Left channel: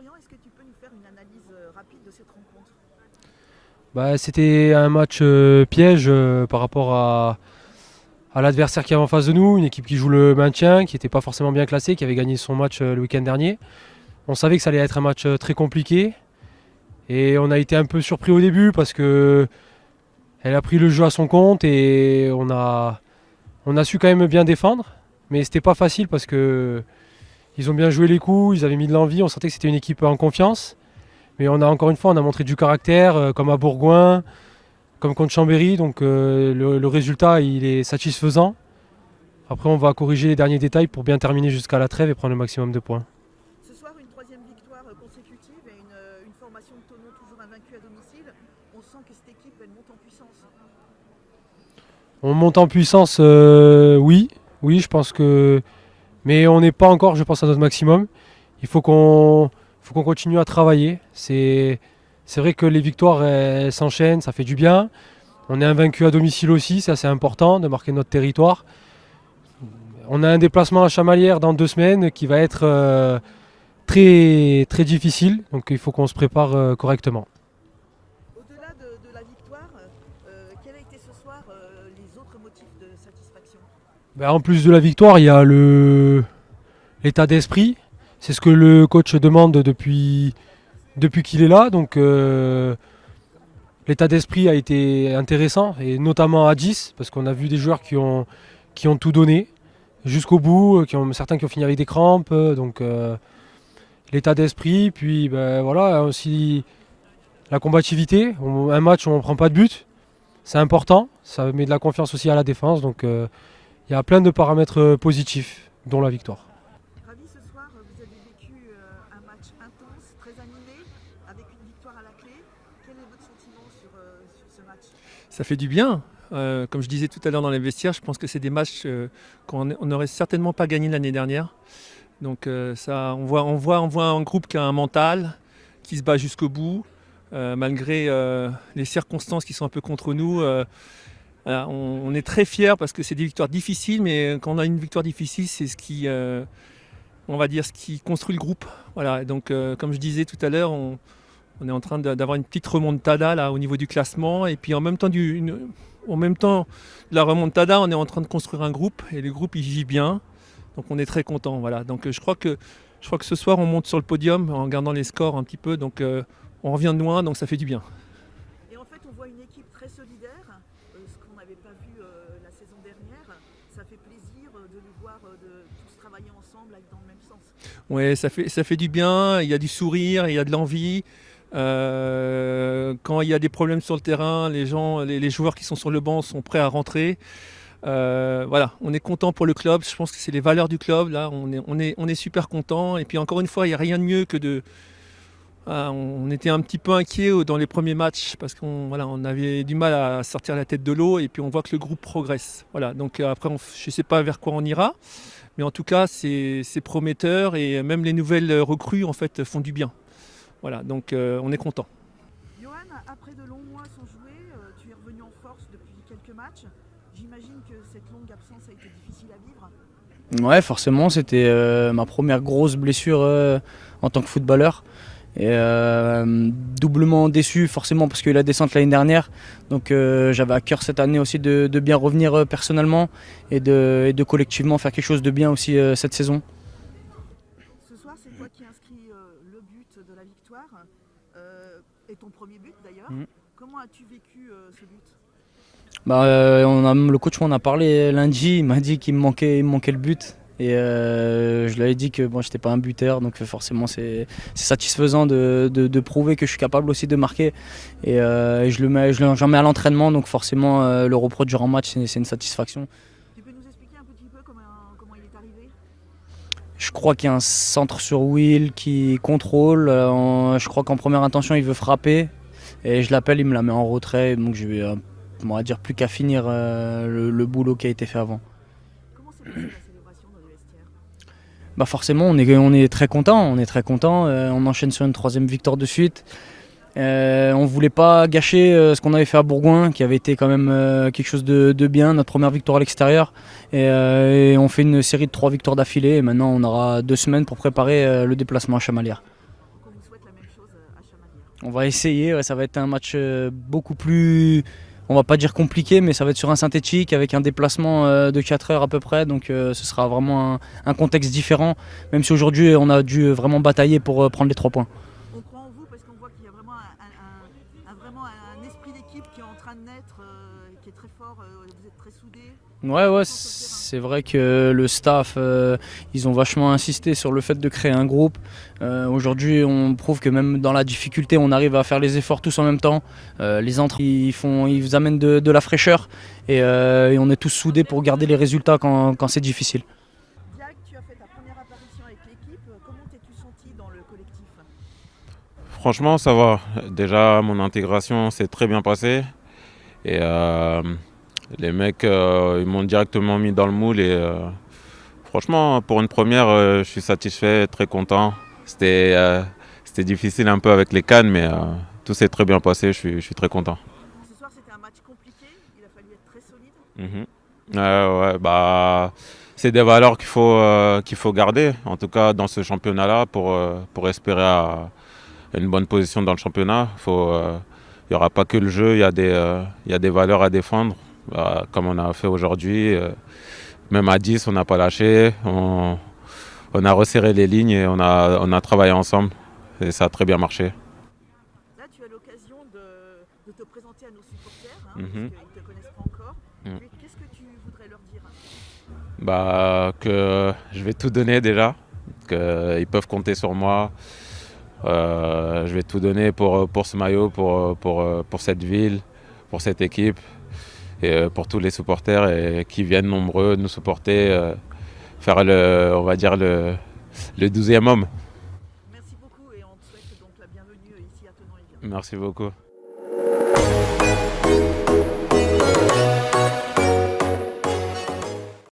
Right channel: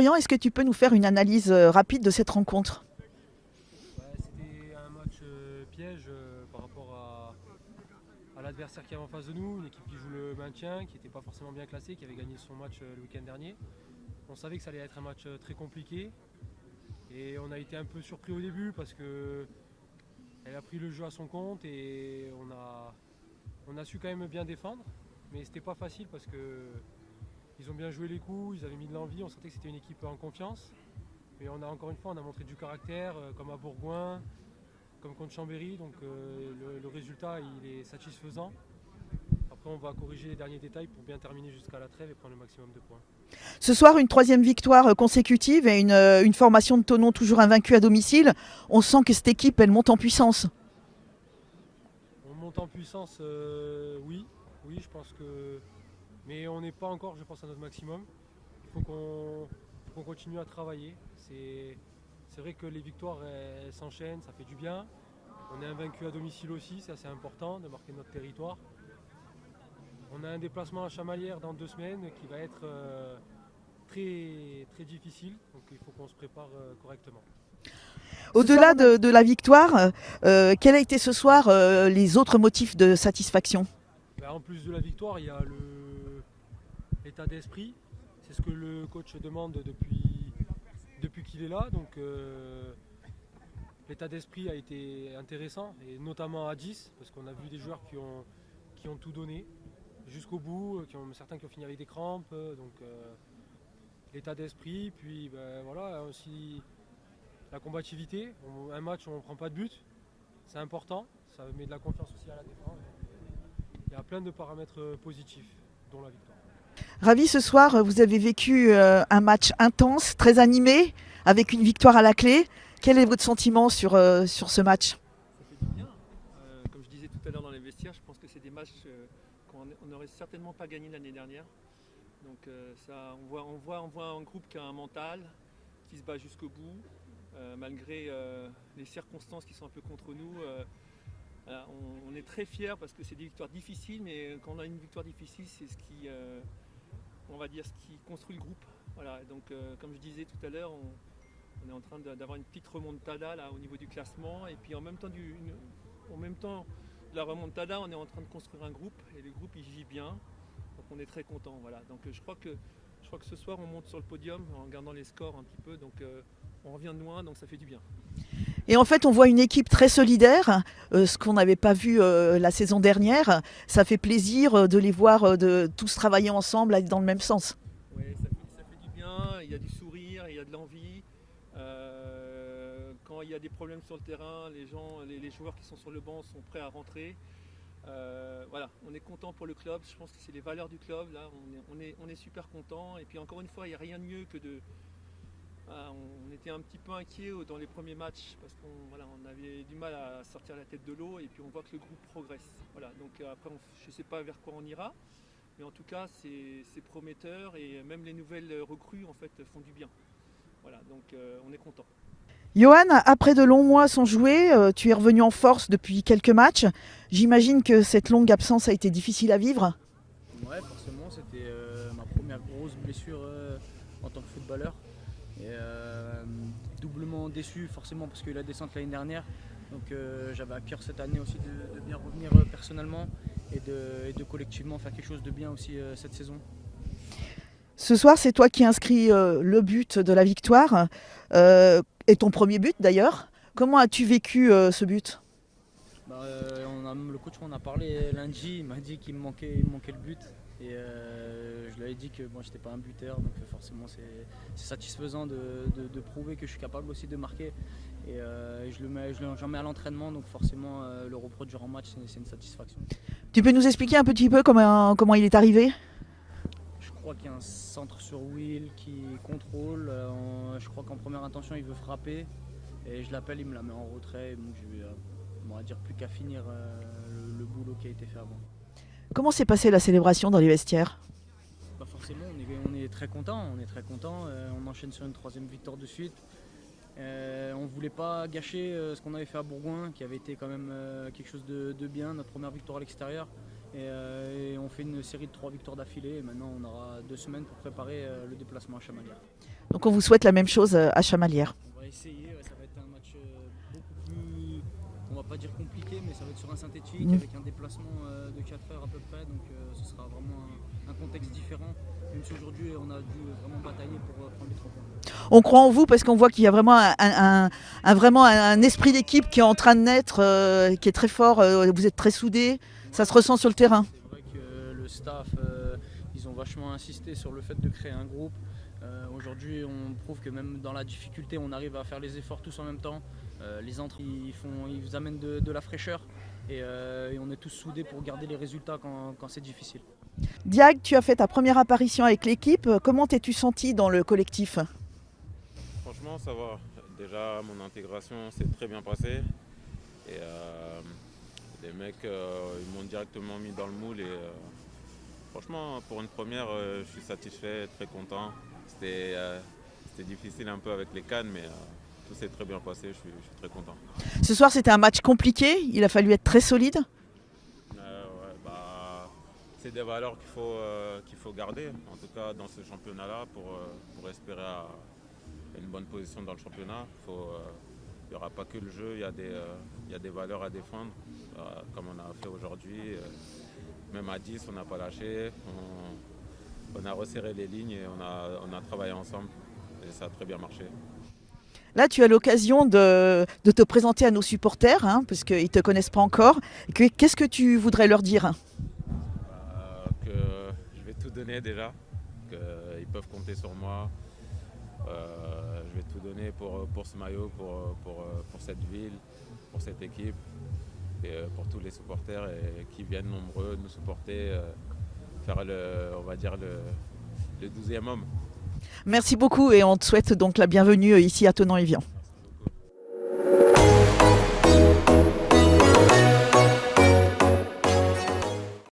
Lorient, est-ce que tu peux nous faire une analyse rapide de cette rencontre? C'était un match piège par rapport à l'adversaire qui est en face de nous, une équipe qui joue le maintien, qui n'était pas forcément bien classée, qui avait gagné son match le week-end dernier. On savait que ça allait être un match très compliqué et on a été un peu surpris au début parce que elle a pris le jeu à son compte et on a su quand même bien défendre, mais c'était pas facile parce que ils ont bien joué les coups, ils avaient mis de l'envie, on sentait que c'était une équipe en confiance. Mais encore une fois, on a montré du caractère, comme à Bourgoin, comme contre Chambéry, donc le résultat il est satisfaisant. Après, on va corriger les derniers détails pour bien terminer jusqu'à la trêve et prendre le maximum de points. Ce soir, une troisième victoire consécutive et une formation de Thonon toujours invaincue à domicile. On sent que cette équipe, elle monte en puissance. On monte en puissance, oui, je pense que... Mais on n'est pas encore, je pense, à notre maximum. Il faut qu'on continue à travailler. C'est vrai que les victoires elles s'enchaînent, ça fait du bien. On est invaincu à domicile aussi, c'est assez important de marquer notre territoire. On a un déplacement à Chamalières dans 2 semaines qui va être très, très difficile, donc il faut qu'on se prépare correctement. Au-delà de la victoire, quel a été ce soir les autres motifs de satisfaction? En plus de la victoire, il y a l'état d'esprit. C'est ce que le coach demande depuis qu'il est là. Donc l'état d'esprit a été intéressant, et notamment à 10, parce qu'on a vu des joueurs qui ont tout donné jusqu'au bout, certains qui ont fini avec des crampes. Donc l'état d'esprit, puis voilà, aussi la combativité. Un match où on ne prend pas de but, c'est important. Ça met de la confiance aussi à la défense. Donc il y a plein de paramètres positifs, dont la victoire. Ravi, ce soir, vous avez vécu un match intense, très animé, avec une victoire à la clé. Quel est votre sentiment sur ce match? Ça fait du bien. Comme je disais tout à l'heure dans les vestiaires, je pense que c'est des matchs qu'on n'aurait certainement pas gagné l'année dernière. Donc on voit un groupe qui a un mental, qui se bat jusqu'au bout, malgré les circonstances qui sont un peu contre nous. Voilà, on est très fiers parce que c'est des victoires difficiles, mais quand on a une victoire difficile, c'est ce qui construit le groupe. Voilà, donc comme je disais tout à l'heure, on est en train d'avoir une petite remontada là au niveau du classement, et puis en même temps de la remontada, on est en train de construire un groupe, et le groupe il vit bien, donc on est très content. Voilà, donc je crois que ce soir on monte sur le podium en regardant les scores un petit peu, donc on revient de loin, donc ça fait du bien. Et en fait, on voit une équipe très solidaire, ce qu'on n'avait pas vu la saison dernière. Ça fait plaisir de les voir de tous travailler ensemble, aller dans le même sens. Ouais, ça fait du bien, il y a du sourire, il y a de l'envie. Quand il y a des problèmes sur le terrain, les joueurs qui sont sur le banc sont prêts à rentrer. Voilà, on est content pour le club. Je pense que c'est les valeurs du club. Là, on est super content. Et puis encore une fois, il n'y a rien de mieux que de... On était un petit peu inquiets dans les premiers matchs parce qu'on avait du mal à sortir la tête de l'eau, et puis on voit que le groupe progresse. Voilà, donc après, je ne sais pas vers quoi on ira, mais en tout cas, c'est prometteur, et même les nouvelles recrues en fait font du bien. Voilà, donc on est content. Johan, après de longs mois sans jouer, tu es revenu en force depuis quelques matchs. J'imagine que cette longue absence a été difficile à vivre. Ouais, forcément, c'était ma première grosse blessure en tant que footballeur. Et doublement déçu forcément parce qu'il y a eu la descente l'année dernière. Donc j'avais à cœur cette année aussi de bien revenir personnellement et de collectivement faire quelque chose de bien aussi cette saison. Ce soir, c'est toi qui inscris le but de la victoire et ton premier but d'ailleurs. Comment as-tu vécu ce but? Le coach m'en a parlé lundi, il m'a dit qu'il me manquait le but. Et je lui avais dit que bon, je n'étais pas un buteur, donc forcément c'est satisfaisant de prouver que je suis capable aussi de marquer. Et j'en mets à l'entraînement, donc forcément le reproduire en match, c'est une satisfaction. Tu peux nous expliquer un petit peu comment il est arrivé? Je crois qu'il y a un centre sur Will qui contrôle. Je crois qu'en première intention il veut frapper. Et je l'appelle, il me la met en retrait. Donc je vais, on va dire, plus qu'à finir le boulot qui a été fait avant. Comment s'est passée la célébration dans les vestiaires? Forcément, on est très content. On enchaîne sur une 3e victoire de suite. On ne voulait pas gâcher ce qu'on avait fait à Bourgoin, qui avait été quand même quelque chose de bien, notre première victoire à l'extérieur. Et on fait une série de 3 victoires d'affilée. Et maintenant, on aura 2 semaines pour préparer le déplacement à Chamalières. Donc on vous souhaite la même chose à Chamalières. On va essayer, ouais, ça va être un match beaucoup plus, on va pas dire compliqué, mais ça va être sur un synthétique avec un déplacement de 4 heures à peu près, donc ce sera vraiment un contexte différent, même si aujourd'hui on a dû vraiment batailler pour prendre les 3 points. On croit en vous parce qu'on voit qu'il y a vraiment vraiment un esprit d'équipe qui est en train de naître, qui est très fort, vous êtes très soudés. Ça se ressent sur le terrain. C'est vrai que le staff, ils ont vachement insisté sur le fait de créer un groupe. Aujourd'hui, on prouve que même dans la difficulté, on arrive à faire les efforts tous en même temps. Les entrées, ils vous amènent de la fraîcheur et on est tous soudés pour garder les résultats quand c'est difficile. Diag, tu as fait ta première apparition avec l'équipe. Comment t'es-tu senti dans le collectif? Franchement, ça va. Déjà, mon intégration s'est très bien passée. Et les mecs, ils m'ont directement mis dans le moule. Et franchement, pour une première, je suis satisfait, très content. C'était difficile un peu avec les cannes, mais tout s'est très bien passé. Je suis très content. Ce soir, c'était un match compliqué. Il a fallu être très solide. Ouais, bah, c'est des valeurs qu'il faut garder, en tout cas dans ce championnat-là, pour espérer une bonne position dans le championnat. Il n'y aura pas que le jeu, il y a des valeurs à défendre, comme on a fait aujourd'hui. Même à 10, on n'a pas lâché, on a resserré les lignes et on a travaillé ensemble et ça a très bien marché. Là, tu as l'occasion de te présenter à nos supporters, parce qu'ils ne te connaissent pas encore. Qu'est-ce que tu voudrais leur dire? Que je vais tout donner déjà, qu'ils peuvent compter sur moi. Je vais tout donner pour ce maillot, pour cette ville, pour cette équipe et pour tous les supporters qui viennent nombreux nous supporter, faire on va dire le 12e homme. Merci beaucoup et on te souhaite donc la bienvenue ici à Thonon-Évian. Merci beaucoup.